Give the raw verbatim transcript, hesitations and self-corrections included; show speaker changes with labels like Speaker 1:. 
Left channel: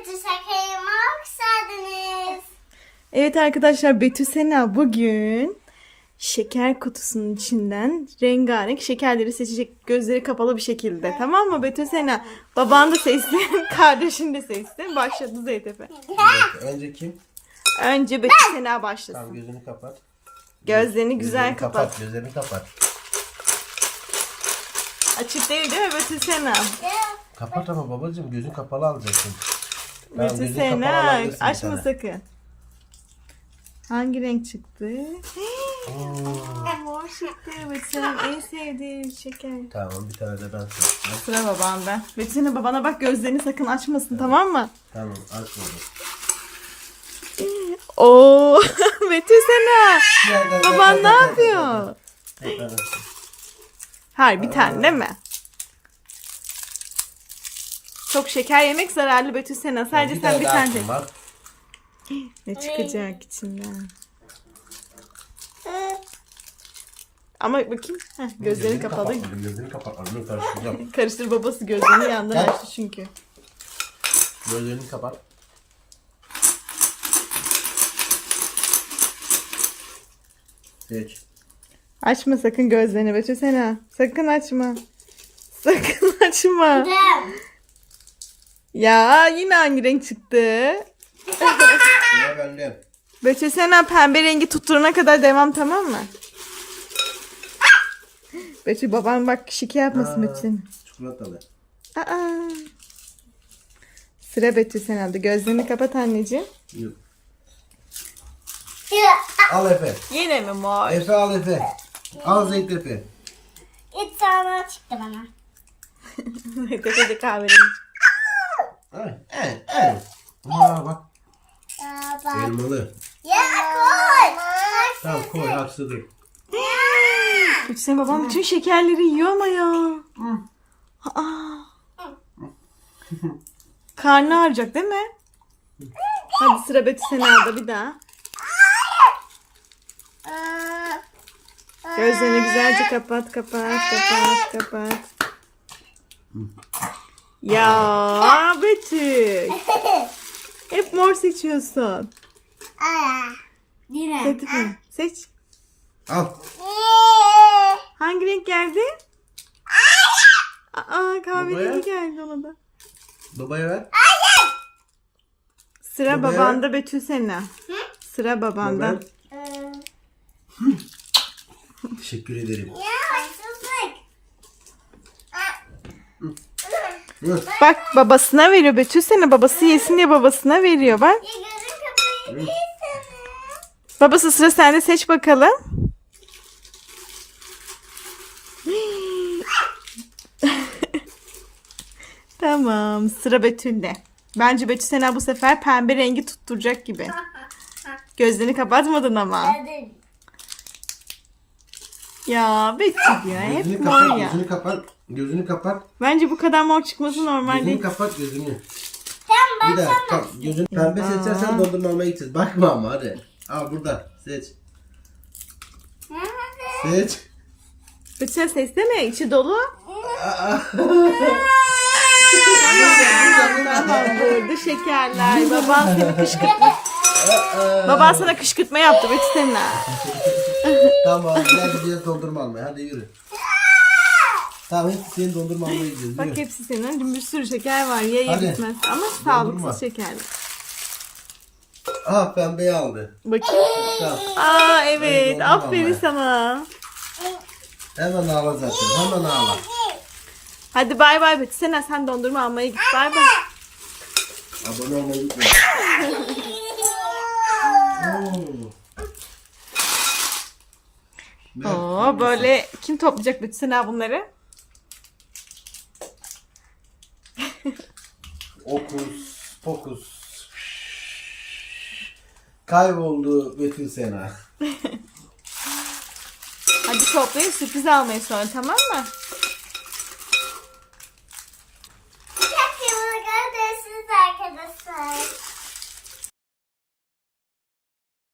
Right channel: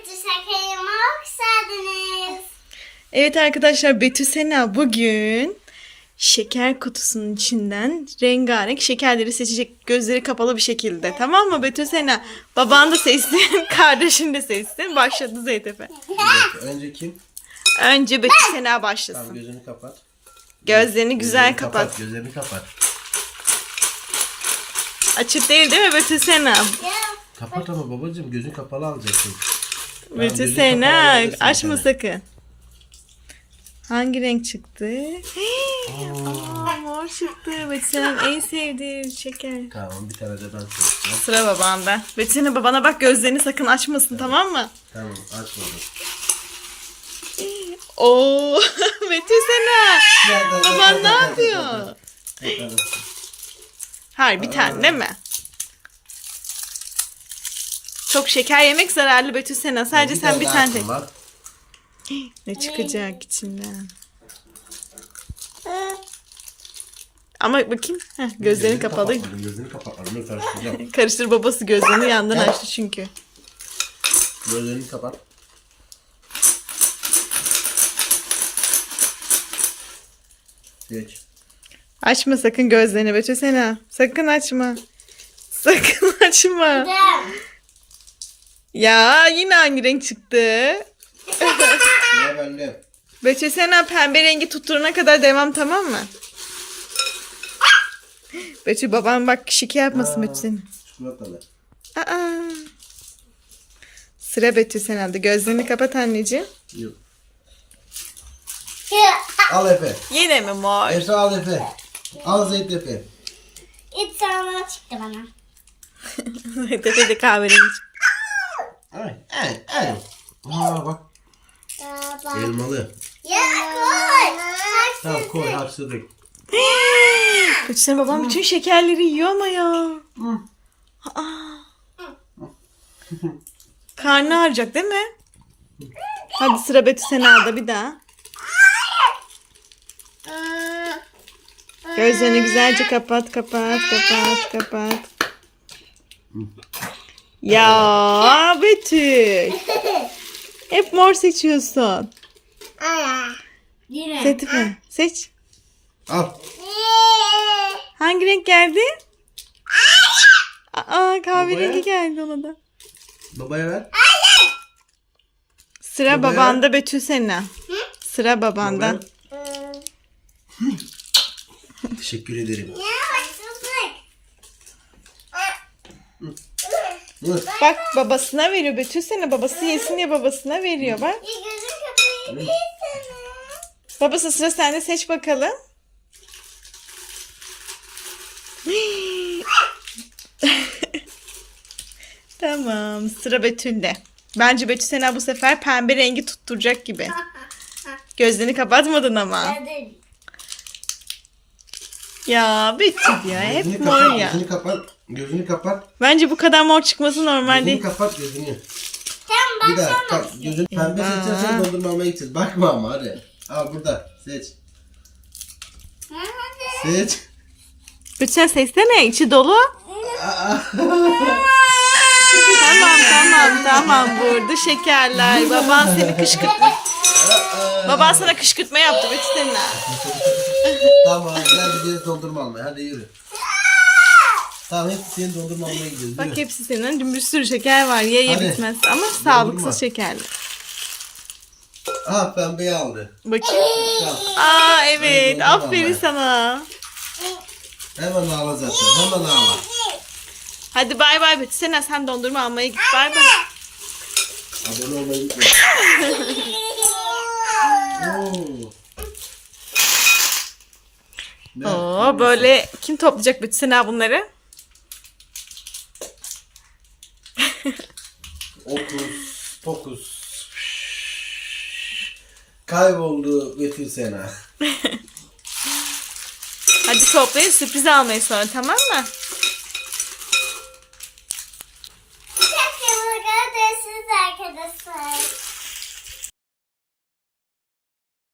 Speaker 1: Betül Şeker'ime hoş geldiniz.
Speaker 2: Evet arkadaşlar, Betül Sena bugün şeker kutusunun içinden rengarenk şekerleri seçecek, gözleri kapalı bir şekilde. Tamam mı Betül Sena? Baban da seçsin, kardeşin de seçsin. Başladı Zeytepe.
Speaker 3: Evet, önce kim?
Speaker 2: Önce Betül Sena
Speaker 3: Tamam,
Speaker 2: başlasın.
Speaker 3: gözünü kapat.
Speaker 2: Gözlerini güzel
Speaker 3: Gözlerini
Speaker 2: kapat.
Speaker 3: Gözlerini kapat.
Speaker 2: Açık değil değil mi Betül Sena?
Speaker 3: Kapat ama babacığım, gözün kapalı alacaksın. Tamam,
Speaker 2: Betül
Speaker 3: gözünü
Speaker 2: Sena
Speaker 3: kapalı alabilirsin
Speaker 2: açma
Speaker 3: bir tane.
Speaker 2: sakın. Hangi renk çıktı?
Speaker 3: Oo,
Speaker 2: Mor çıktı. Betül Sena'nın en sevdiği şeker.
Speaker 3: tamam, bir tane de ben seçeceğim.
Speaker 2: Sıra babanda. Betül Sena, babana bak, gözlerini sakın açmasın, tamam mı?
Speaker 3: Tamam, aç bunu.
Speaker 2: Oo, Betül Sena.
Speaker 3: Gel, gel,
Speaker 2: Baban
Speaker 3: gel,
Speaker 2: ne
Speaker 3: gel, gel,
Speaker 2: yapıyor?
Speaker 3: gel, gel. Gel,
Speaker 2: Hayır, bir tane değil mi? Çok şeker yemek zararlı Betül Sena. Sadece
Speaker 3: Bir
Speaker 2: sen bir
Speaker 3: daha
Speaker 2: tane tek.
Speaker 3: hakkın var.
Speaker 2: Ne çıkacak içinden? Ama bakayım. Heh, gözlerini kapalı.
Speaker 3: kapatmadım, Gözlerini kapatmadım. Dur, karıştıracağım.
Speaker 2: Karıştır, babası gözlerini yandan açtı çünkü.
Speaker 3: Gözlerini kapat. Seç.
Speaker 2: Açma sakın gözlerini Betül Sena. Sakın açma. Sakın açma. Ya yine aynı renk çıktı.
Speaker 3: Sıra bende.
Speaker 2: Betül Sena, pembe rengi tutturana kadar devam, tamam mı? Betül, baban bak şike yapmasın
Speaker 3: Aa.
Speaker 2: Betül Sena.
Speaker 3: Çikolatalı.
Speaker 2: Aa. Sıra Betül Sena'da. Gözlerini kapat anneciğim.
Speaker 3: Yok. Al Efe.
Speaker 2: Yine mi mor?
Speaker 3: Efe al Efe. Al Zeyt Efe.
Speaker 1: İç sarma çıktı bana.
Speaker 2: Tepede kahverengi.
Speaker 3: Ay, ay, ay. Aa bak.
Speaker 1: Baba.
Speaker 3: Elmalı.
Speaker 1: Ya koy.
Speaker 3: Tamam, koy harçladık.
Speaker 2: Betül Sena, babam bütün şekerleri yiyor ama ya. Aa. Karnı ağrıyacak değil mi? Hadi sıra Betül Sena'da bir daha. Gözlerini güzelce kapat, kapat, kapat, kapat. Ya Betül. Hep mor seçiyorsun.
Speaker 1: Yine.
Speaker 2: Zeytife, seç.
Speaker 3: Al.
Speaker 2: Hangi renk geldi? Aa, kahverengi
Speaker 3: Babaya.
Speaker 2: geldi ona da.
Speaker 3: Babaya ver.
Speaker 2: Sıra
Speaker 3: Babaya.
Speaker 2: babanda Betül Sena. Sıra babanda.
Speaker 3: Babaya. Teşekkür ederim. Dur.
Speaker 2: Bak, babasına veriyor Betül Sena. Babası yesin diye babasına veriyor bak. Babası, sıra sende, seç bakalım. Tamam, sıra Betül'de. Bence Betül Sena bu sefer pembe rengi tutturacak gibi. Gözlerini kapatmadın ama. Ya Betül ya, hep
Speaker 3: Gözünü
Speaker 2: mor
Speaker 3: kapat,
Speaker 2: ya.
Speaker 3: Gözünü kapat. Gözünü kapat.
Speaker 2: Bence bu kadar mor çıkması normal
Speaker 3: Gözünü
Speaker 2: değil.
Speaker 3: kapat gözünü. Bir daha kap. Gözünü pembe
Speaker 2: Ya.
Speaker 3: seçersen dondurma almaya gideceğiz. Bakma ama hadi. Al burada. Seç. Seç.
Speaker 2: Betül Sena, seçsene, içi dolu. Tamam tamam, burada şekerler. Baban seni kışkırtma. Baban sana kışkırtma yaptı Betül Sena.
Speaker 3: Tamam, gel gidiyoruz dondurma almaya. Hadi yürü. Tamam, hepsi senin dondurma almaya gidiyoruz.
Speaker 2: Bak,
Speaker 3: Yürü.
Speaker 2: hepsi senin. Bir sürü şeker var. Ye ye
Speaker 3: Hadi.
Speaker 2: bitmez. Ama
Speaker 3: Dondurma.
Speaker 2: sağlıksız şekerli.
Speaker 3: Aha, pembeyi aldı.
Speaker 2: Bakayım.
Speaker 3: Tamam.
Speaker 2: Aa evet.
Speaker 3: Dondurma
Speaker 2: Aferin
Speaker 3: almaya.
Speaker 2: sana.
Speaker 3: Hemen ağla zaten. Hemen ağla.
Speaker 2: Hadi bay bay Betül Sena, sen dondurma almaya git. Bay bay.
Speaker 3: Abone olmayı unutma. Oo. Ne?
Speaker 2: Oo, böyle kim toplayacak Betül Sena bunları?
Speaker 3: Okus pokus. Kayboldu Betül Sena.
Speaker 2: Hadi toplayın, sürpriz almayı sonra, tamam mı?